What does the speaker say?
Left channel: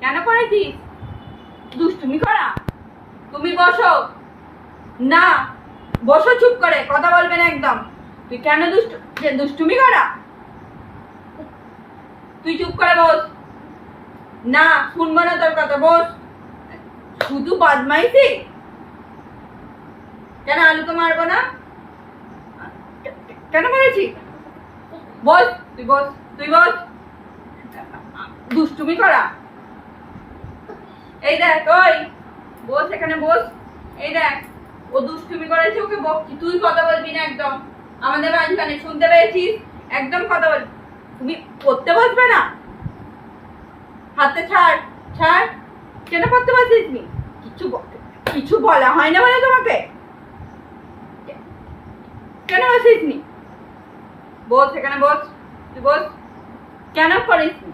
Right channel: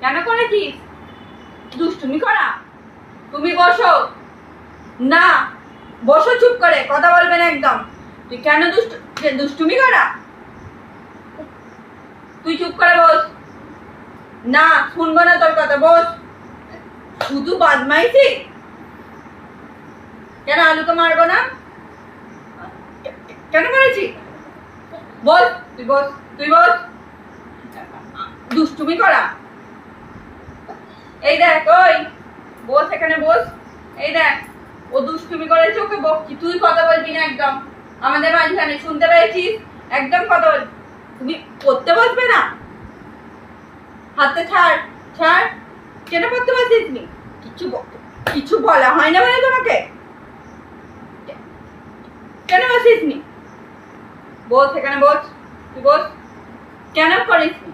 কেন করেছিস? দুষ্টুমি করা? তুমি বসো না, বসো চুপ করে, কথা বলবে না একদম। তুই কেন দুষ্টুমি করা? তুই চুপ করে বস। না, শুনবো না তোর কথা, বস। শুধু বদমাইশি। কেন আলুকে মারবো না? কেন করেছি? বস, তুই বস, তুই বস। দুষ্টুমি করা? এই দেখ, ওই বস, এখানে বস। এই দেখ, ও দুষ্টুমি করেছে, ওকে বকছি। তুই কথা বলবি না একদম আমাদের মাঝখানে, শুনতে পেয়েছিস? একদম কথা বল। তুমি পড়তে বসবে না? হাতে ছাড়, ছাড়। কেন পড়তে বসিস নি? কিছু বলা হয় না বলে তোমাকে? কেন বসিস নি? বস, এখানে বস, তুই বস। কেন করিস নি?